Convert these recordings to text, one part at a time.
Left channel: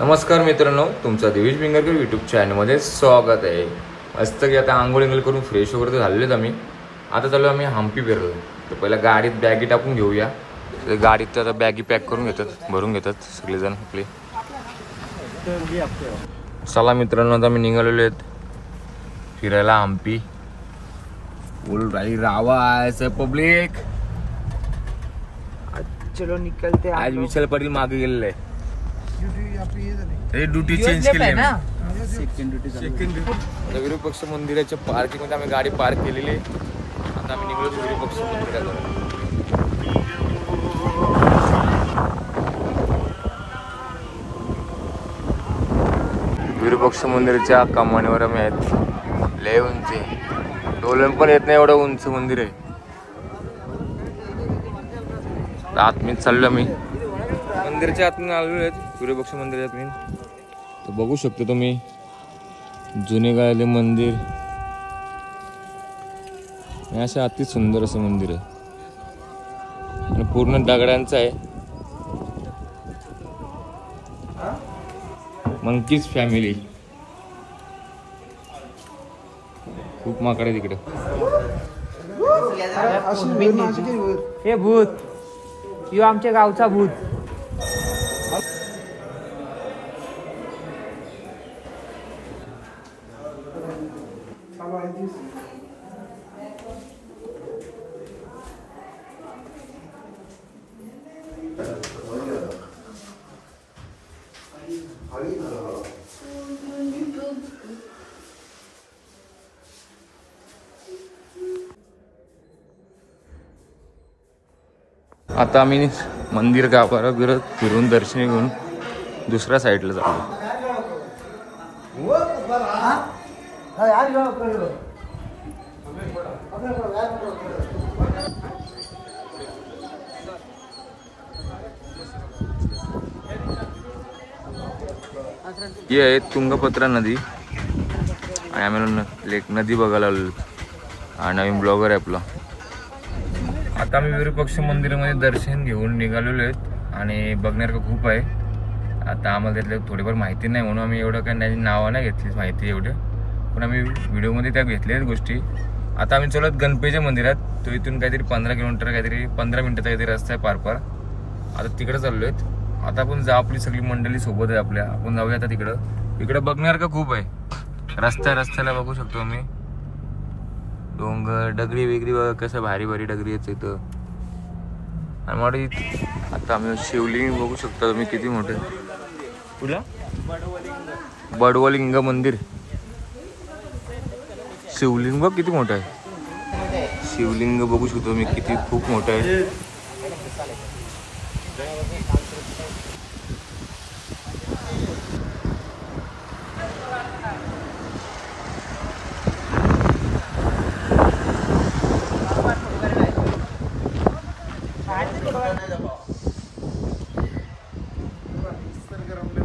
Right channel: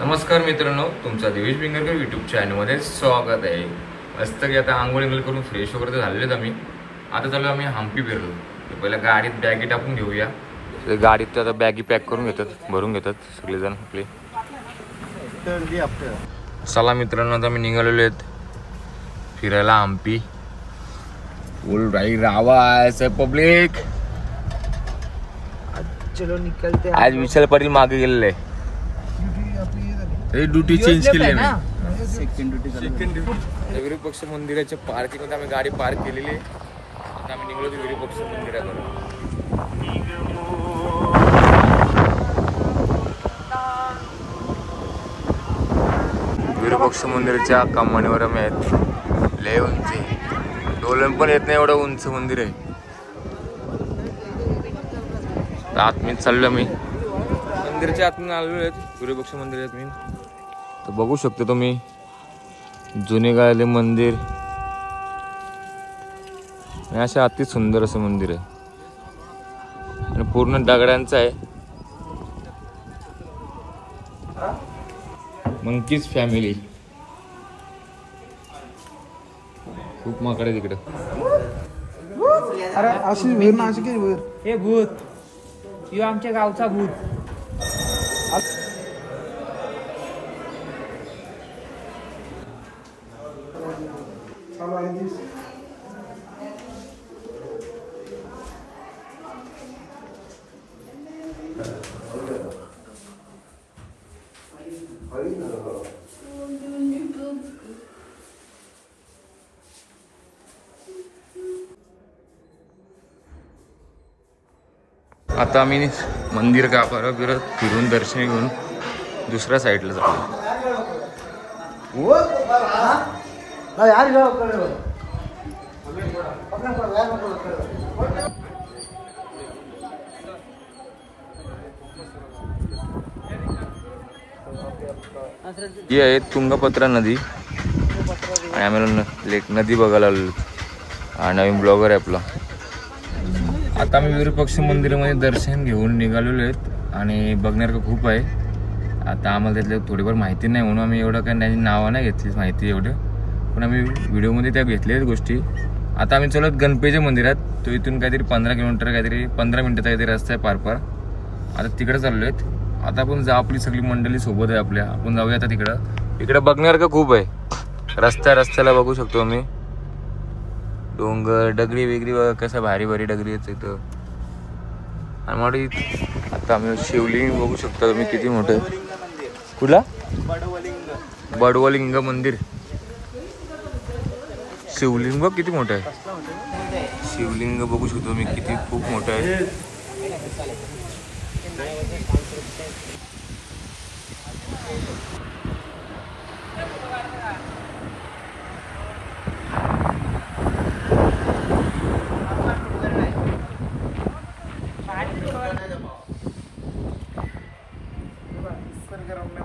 नमस्कार मित्रांनो, तुमचं देवीश बिंगरकर यूट्यूब चॅनलमध्ये स्वागत आहे. मस्त की आता आंघोळी करून फ्रेश वगैरे झालेलेच आम्ही. आता चालू आम्ही हम्पी फिरलो. तर पहिला गाडीत बॅगी टाकून घेऊया. तर गाडीत आता बॅगी पॅक करून घेतात, भरून घेतात सगळेजण आपले. चला मित्रांनो, आता मी निघालेलो आहेत फिरायला हम्पी. फुल रावा आहे पब्लिक. आज विशाल पाटील मागे गेलेले आहे. ड्युटी चेंज केली आहे. Second duty. विरूपाक्ष पक्ष मंदिराच्या पार्किंग मध्ये आम्ही गाडी पार्क केलेली आहे. आता आम्ही निघालो विरूपाक्ष पक्ष मंदिराकडे. विरूपाक्ष पक्ष मंदिराच्या कमानीवर आम्ही आहेत. लय उंच आहे, डोलन पण येत नाही एवढं उंच मंदिर आहे. आतमध्ये चाललो मी, मंदिराच्या आतून आलेलो आहेत विरूपाक्ष पक्ष मंदिरात मी. तर बघू शकतो तुम्ही जुने काळातले मंदिर. अशा अति सुंदर असं मंदिर आहे आणि पूर्ण दगडांचं आहे. Monkeys family. खूप माकड आहे तिकडे. हे भूत यो आमच्या गावचा भूत. आता आम्ही मंदिर गाभाऱ्यात फिरून दर्शन घेऊन दुसऱ्या साईडला जातो. ही आहे तुंगभद्रा नदी आणि आम्ही लेक नदी बघायला आलो. हा नवीन ब्लॉगर आहे आपला. आता आम्ही विरूपाक्ष पक्ष मंदिरामध्ये दर्शन घेऊन निघालेलो आहेत आणि बघण्यासारखं खूप आहे. आता आम्हाला त्यातलं थोडीफार माहिती नाही म्हणून आम्ही एवढं काय नाही नावं नाही घेतलीच माहिती एवढं, पण आम्ही व्हिडिओमध्ये त्या घेतलेल्या गोष्टी. आता आम्ही चलत गणपतीच्या मंदिरात. तो इथून काहीतरी 15 किलोमीटर काहीतरी 15 मिनिटाचा काहीतरी रस्ता आहे पार. आता तिकडे चाललो आहेत. आता आपण जाऊ, आपली सगळी मंडळी सोबत आहे आपल्या. आपण जाऊया आता तिकडं. इकडे बघण्यासारखं खूप आहे. रस्त्याला बघू शकतो आम्ही डोंगर, दगडी वेगळी बघा कसं भारी भारी दगडी आहेत इथं. आणि मग आता आम्ही शिवलिंग बघू शकतो तुम्ही किती मोठं आहे. कुठला? बडवलिंग मंदिर. शिवलिंग बघ किती मोठं आहे. शिवलिंग बघू शकतो मी किती खूप मोठं आहे.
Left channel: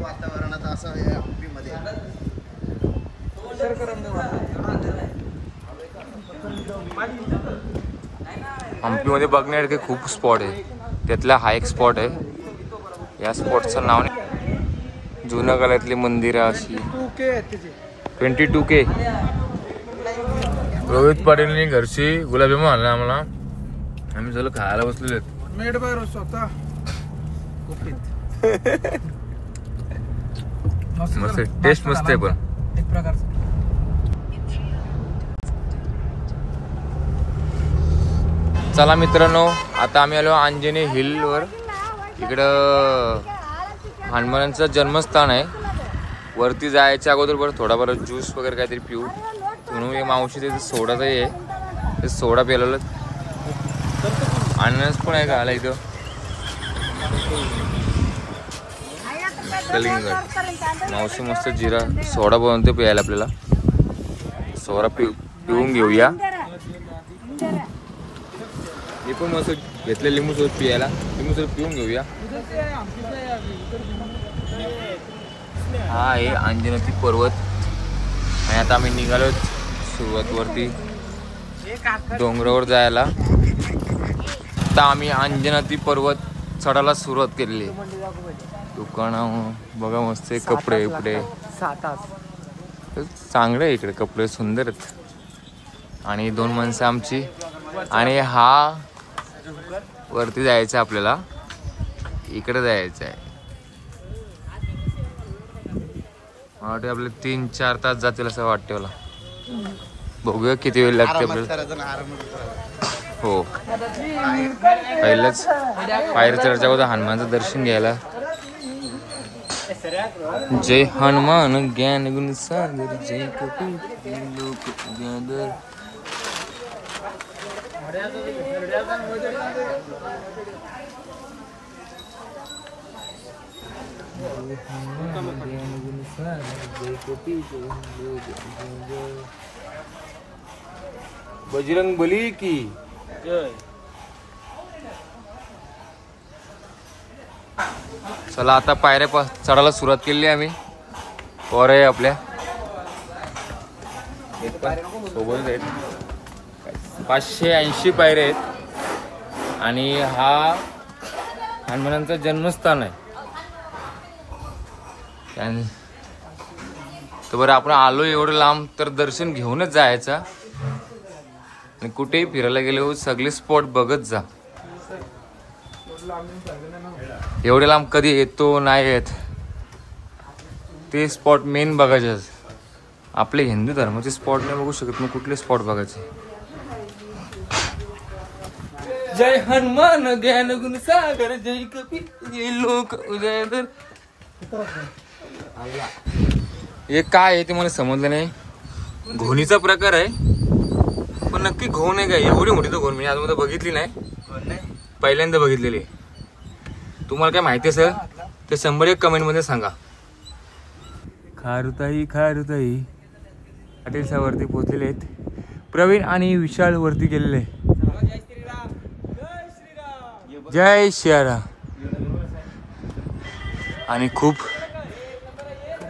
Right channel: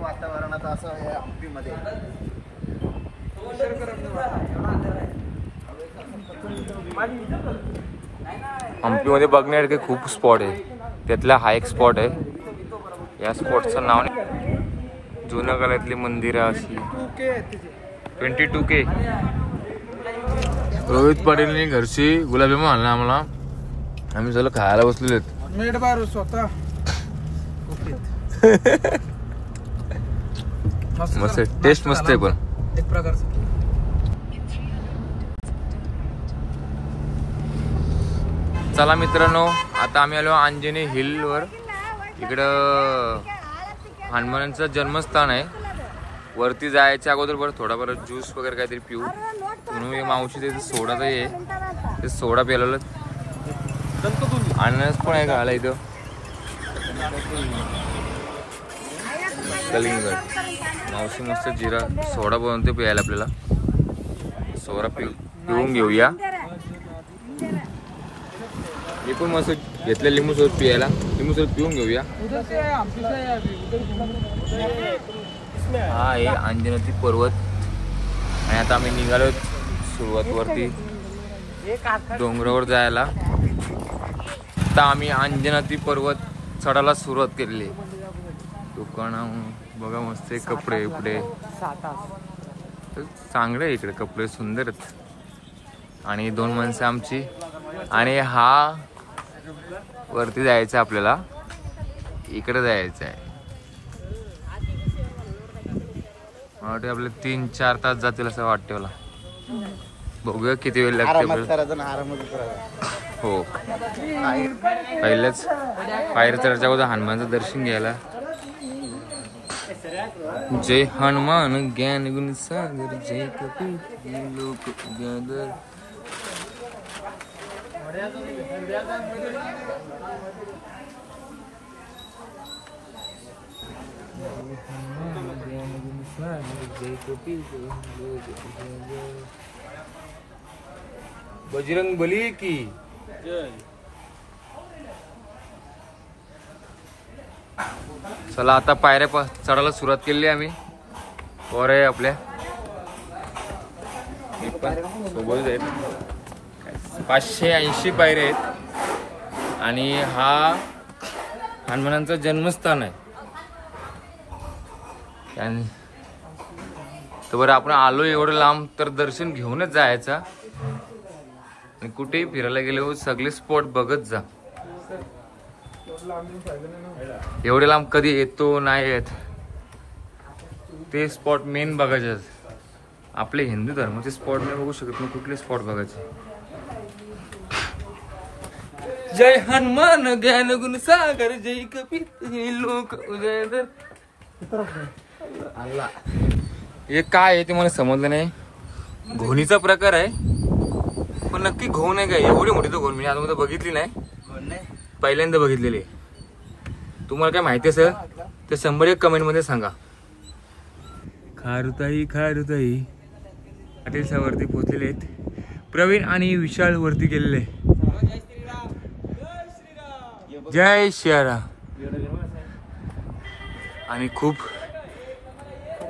वातावरणात असं आहे हम्पीमध्ये. हम्पीमध्ये बघण्यासारखे खूप स्पॉट आहे. त्यातला हा एक स्पॉट आहे. या स्पॉटचं नाव जुन्या काळातली मंदिरं अशी 22K. रोहित पाटीलने घरची गुलाबजामुन आणला आम्हाला. आम्ही झालं खायला बसलेलो मेड बाय स्वतः. मस्त टेस्ट मस्त आहे पण एक प्रकारचं. चला मित्रांनो, आता आम्ही आलो अंजनी हिल वर. इकडं हनुमानांचं जन्मस्थान आहे. वरती जायच्या अगोदर बरं थोडाफार ज्यूस वगैरे काहीतरी पिऊ म्हणून मावशी ते सोडाचं आहे. ते सोडा प्यायला. अननस पण आहे खायला इथं. कलिंगड मावशी मस्त जिरा सोडा बनवते प्यायला. आपल्याला सोडा पिऊन घेऊया. मी पण मस्त घेतलं लिंबू सोबत प्यायला. लिंबू सोबत पिऊन घेऊया. हा आहे अंजनाती पर्वत. आणि आता आम्ही निघालो सुरुवात वरती डोंगरावर जायला. आता आम्ही अंजनाती पर्वत चढायला सुरुवात केलेली. दुकान बघा मस्त आहे, कपडे बिपडे 7 चांगले आहे इकडे, कपडे सुंदर आहेत. आणि 2 माणसं आमची. आणि हा वरती जायचं आपल्याला, इकडे जायचं आहे. मला वाटतं आपले 3-4 तास जातील असं वाटतं मला. बघूया किती वेळ लागते आपल्याला. हो पहिलंच पायऱ्या चढच्या अगोदर हनुमानचं दर्शन घ्यायला. जय हनुमान ज्ञान गुण सागर जय कपीस लोक उजागर. बजरंग बली की चला आता पायऱ्या चढायला सुरुवात केली आम्ही. वर आहे आपल्या सोबत आहेत 580 पायऱ्या आहेत. आणि हा हनुमानांचं जन्मस्थान आहे. तर बरं आपण आलो एवढं लांब तर दर्शन घेऊनच जायचं. आणि कुठेही फिरायला गेलो सगळे स्पॉट बघत जा. एवढे लांब कधी येतो नाही येत, ते स्पॉट मेन बघायचे. आपले हिंदू धर्माचे स्पॉट नाही बघू शकत, मग कुठले स्पॉट बघायचे. जय हनुमान ज्ञान गुण सागर जय कपीस लोक उजागर. हे काय आहे ते मला समजलं नाही. घोणीचा प्रकार आहे, पण नक्की घोण आहे काय? एवढी मोठी तर घोण मी अजून बघितली नाही, पहिल्यांदा बघितलेली. तुम्हाला काय माहिती असेल तर 101 कमेंट मध्ये सांगा. खारुताई खारुताई पाटील वरती पोहोचलेले आहेत. प्रवीण आणि विशाल वरती गेलेले. जय श्रीराम. आणि खूप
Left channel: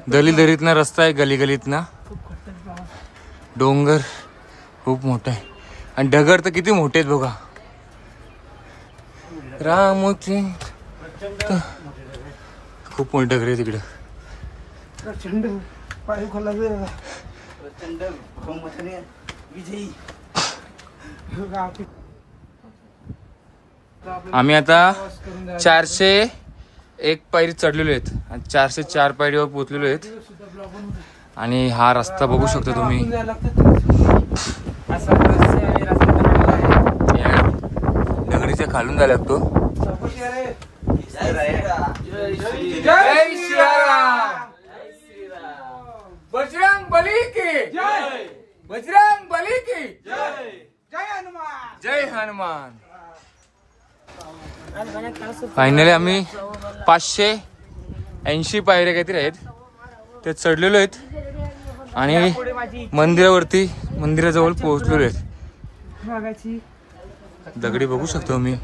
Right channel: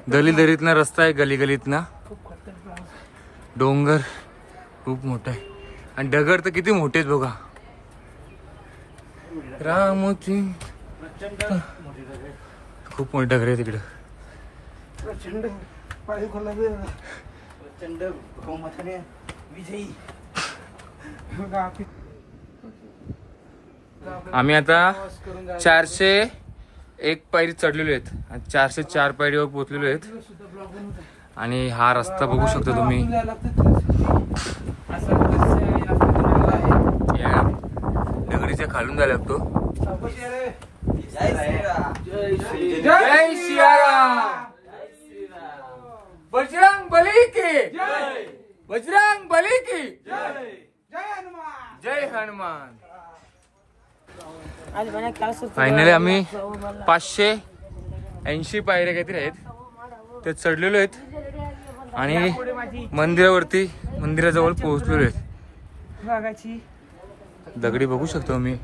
दरीतना रस्ता आहे, गलीगलीतना डोंगर खूप मोठा आहे. आणि डगर तर किती मोठे आहेत बघा. रामची खूप मोठी डगर आहे तिकडं. आम्ही आता 401 पायरी चढलेलो आहेत आणि 404 पायरीवर पोहोचलेलो आहेत. आणि हा रस्ता बघू शकता तुम्ही. दगडीच्या खालून जायला लागतो. जय श्रीराम. बजरंग बली की बजरंग बली की जय हनुमान. फायनली आम्ही 580 पायऱ्या काहीतरी आहेत ते चढलेलो आहेत. आणि मंदिराजवळ पोहोचलेलो आहेत. दगडी बघू शकतो मी.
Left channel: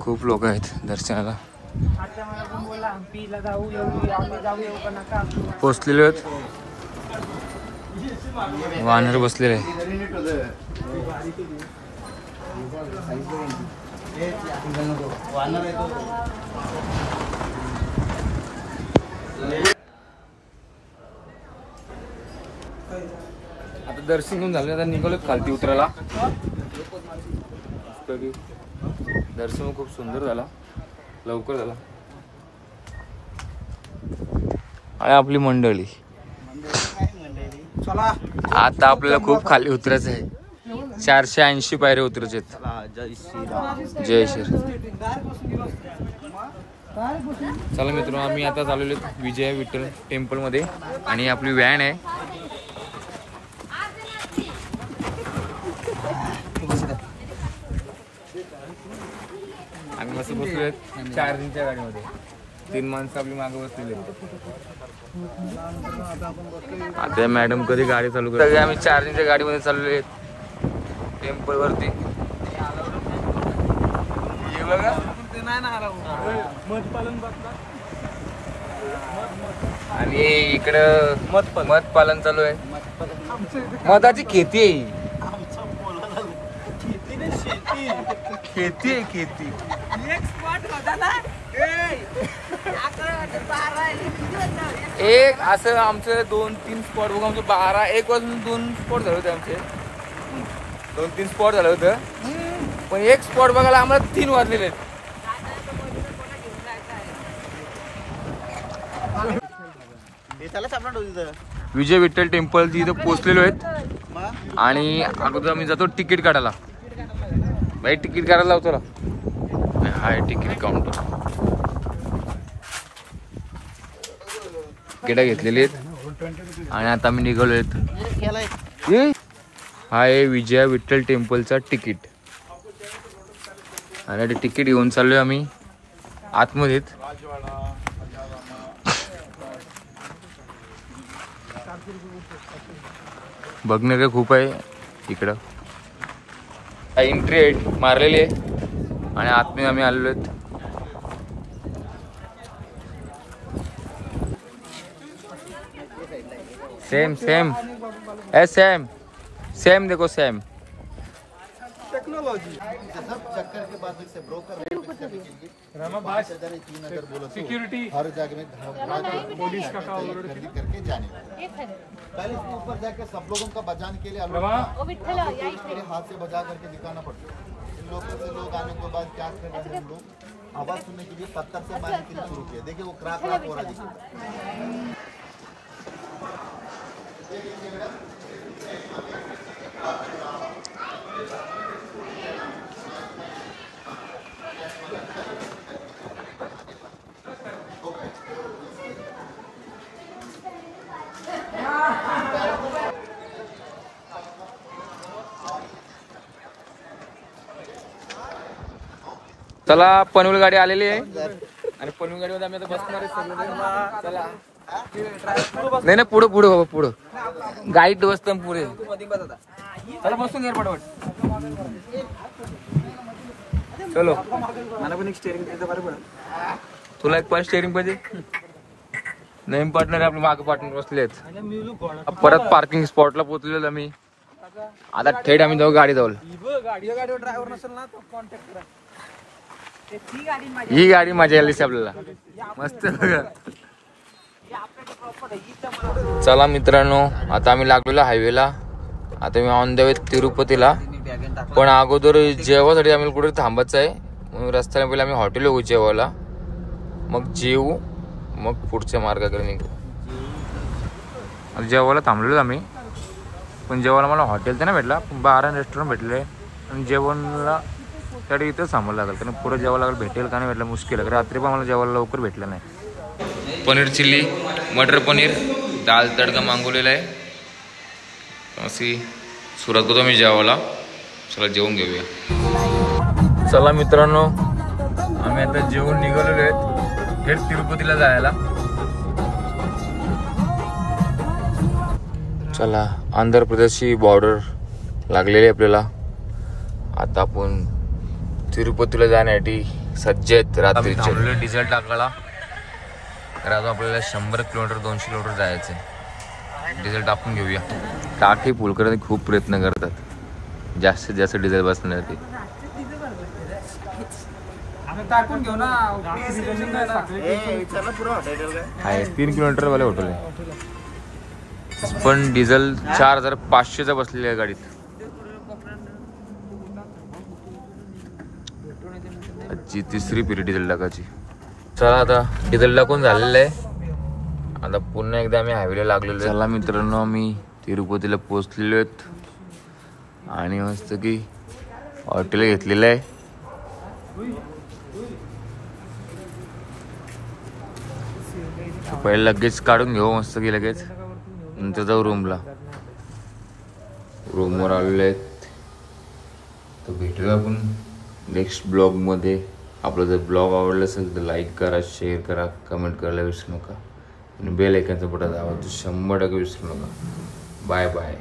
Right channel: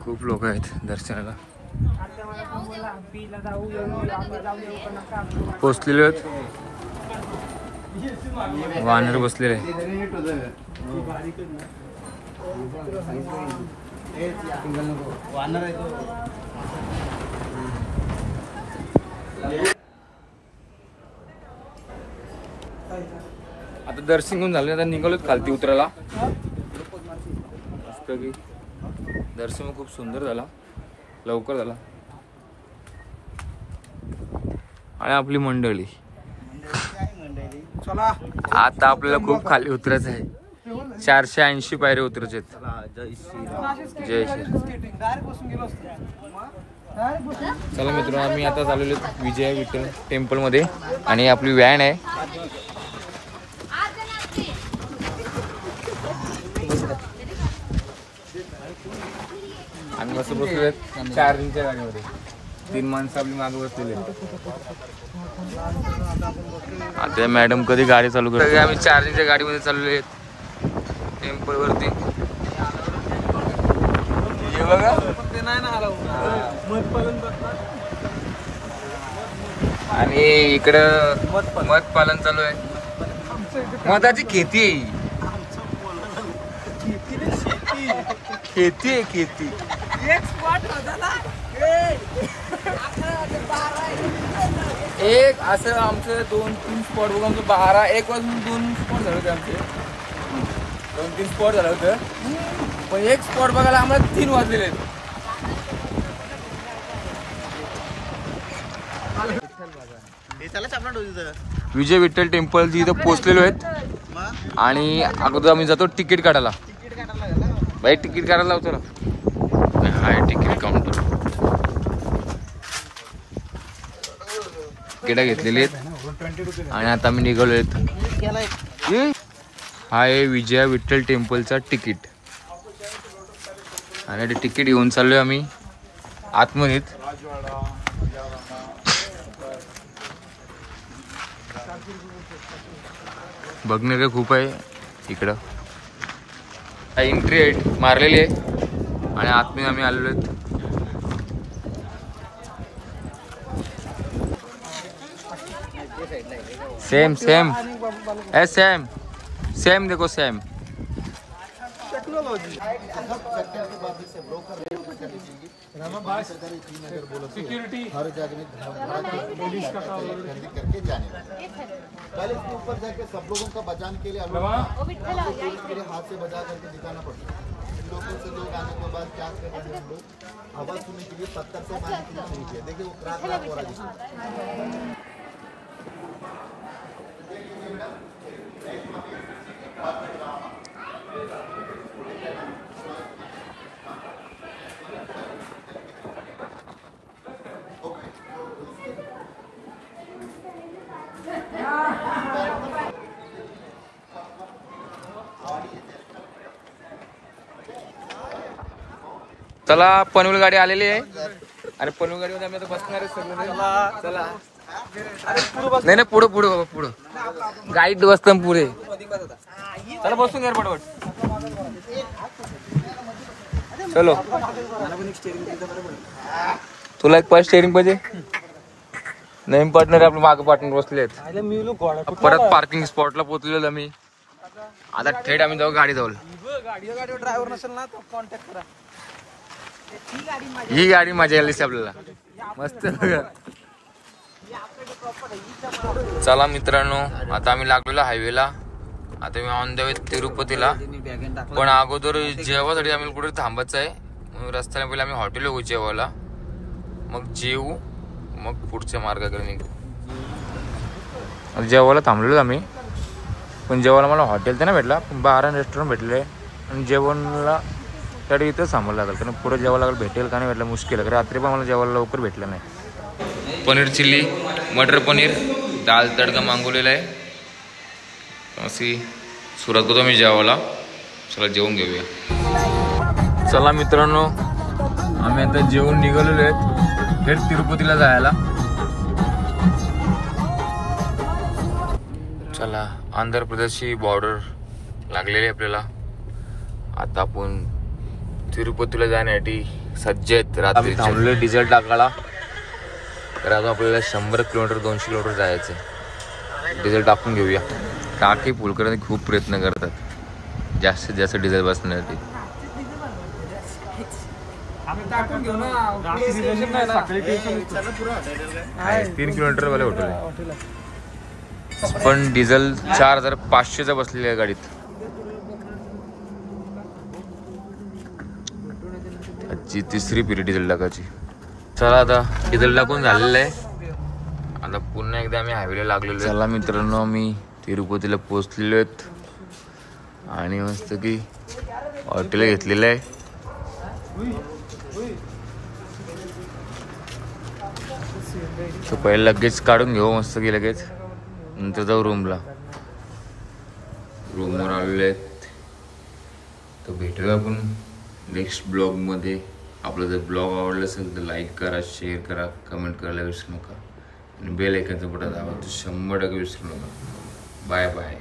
खूप लोक आहेत दर्शनाला. पोचलेले आहेत. वानर बसलेले आहे. आता दर्शन घेऊन झालं, आता निघालो खालती उतरायला. मस्त की दर्शन खूप सुंदर झाला, लवकर झाला. आणि आपली मंडळी आता आपल्याला खूप खाली उतरायचं आहे. 480 पायऱ्या उतरायचे आहेत. जय श्री. चला मित्रांनो, आम्ही आता चाललेलो विजय विठ्ठल टेम्पल मध्ये. आणि आपली व्हॅन आहे. आम्ही मस्त बसलोय चार्जिंगच्या गाडीमध्ये. 3 माणसं आपली मागे बसलेली. आता मॅडम कधी गाडी चालू करते. आम्ही चार्जिंगच्या गाडीमध्ये चाललेलो आहेत टेम्पल वरती. हे बघा आणि इकडं मध पालन चालू आहे. मधाची खेती आहे. खेती आहे खेती. एक असं आमचं 2-3 स्पॉट बघू आमचं 12 1 वाजून 2 स्पॉट झाले होते आमचे 2-3 स्पॉट झालं होतं पण एक स्पॉट बघायला आम्हाला 3 वाजलेले आहेत. विजय विठ्ठल टेम्पल तिथं पोहोचलेलो आहेत आणि अगोदर आम्ही जातो तिकीट काढायला. भाई तिकीट काढायला लावतो ना. हाय तिकीट काउंटर तिकीट घेतलेली आहेत आणि आता आम्ही निघालो आहेत. हा आहे विजय विठ्ठल टेम्पलचा तिकीट आणि ते तिकीट घेऊन चाललोय आम्ही आतमध्ये. बघण्याचं खूप आहे इकडं. एंट्री मारलेली आहे आणि आतमध्ये आम्ही आलेलो आहेत. सेम सेम सेम सेम देखो सेम. चक्कर के बाद इससे ब्रोकर सिक्योरिटी हर जगह में खरीदी करके जाने वाले. कल इसके ऊपर जाके सब लोगों का बचाने के लिए टूरिस्ट के लिए हाथ से बजा करके दिखाना पड़ता है. लोकल से लोग आने के बाद क्या कर रहे हैं, हम लोग आवाज सुनने के लिए पत्थर से मारने के लिए शुरू किया. देखिए वो क्राक क्राक हो रहा है. चला पनवेल गाडी आलेली आहे आणि पनवेल गाडीमध्ये आम्ही आता बसणार आहे सगळे. चला नाही नाही पुढं पुढं बाबा पुढं गाईड बसत पुढे. चला बसून घ्या पटपट. चलो तुला एक पाच स्टेअरिंग पाहिजे. नवीन पार्टनर आपले मागे पार्टनर बसले आहेत. परत पार्किंग स्पॉटला पोहोचलेलो आम्ही. आता थेट आम्ही जाऊ गाडी जाऊ. ड्रायव्हर नसेल ना तो कॉन्टॅक्ट करा. ही गाडी मजा आली आपल्याला मस्त. चला मित्रांनो आता आम्ही लागलेलो हायवेला. आता मी ऑन द वे तिरुपतीला. पण अगोदर जेवासाठी आम्ही कुठे थांबायचं आहे म्हणून रस्त्याने पहिले आम्ही हॉटेल येऊ जेवायला. मग जेवू मग पुढच्या मार्गाकडे निघू. जेवायला थांबलेलो आम्ही पण जेवायला मला हॉटेल तर नाही भेटला पण 12 रेस्टॉरंट भेटले आणि जेवणला तर इथं थांबावं लागेल कारण पुढे जेवायला लागेल. भेटेल का नाही भेटलं मुश्किल आहे. रात्री पण मला जेवायला लवकर भेटलं नाही. पनीर चिल्ली मटर पनीर दाल तडका मागवलेला आहे. अशी सुरुवात करतो मी जेवायला. चला जेवून घेऊया. चला मित्रांनो आम्ही आता जेवून निघालेलो आहेत थेट तिरुपतीला जायला. चला आंध्र प्रदेशची बॉर्डर लागलेली आहे आपल्याला. आता आपण तिरुपतीला जाण्यासाठी सज्ज आहेत. रात्री थांबलो डिझेल टाकायला. तर आता आपल्याला 100 किलोमीटर 200 किलोमीटर जायचं आहे. डिझेल टाकून घेऊया. टाकी फुल करण्यासाठी खूप प्रयत्न करतात जास्तीत जास्त डिझेल बसण्यासाठी. टाकून घेऊ ना. 3 किलोमीटर वाले हॉटेल आहे पण डिझेल 4500चा बसलेला आहे गाडीत. आजची 3री पिढी डिझेल टाकायची. चला आता डिझेल टाकून झालेलं आहे. आता पुन्हा एकदा आम्ही हायवेला लागलेलो. चला मित्रांनो आम्ही तिरुपतीला पोहोचलेलो आहेत आणि मस्त की हॉटेल घेतलेलं आहे. तर पहिले लगेच काढून घेऊ मस्त की लगेच नंतर जाऊ रूमला. रूमवर आलेले आहेत. तर भेटूया आपण नेक्स्ट ब्लॉगमध्ये. आपला जर ब्लॉग आवडला असेल तर लाईक करा, शेअर करा, कमेंट करायला विसरू नका आणि बेल आयकॉनचं बटन दाबा 100% विसरू नका. Bye bye.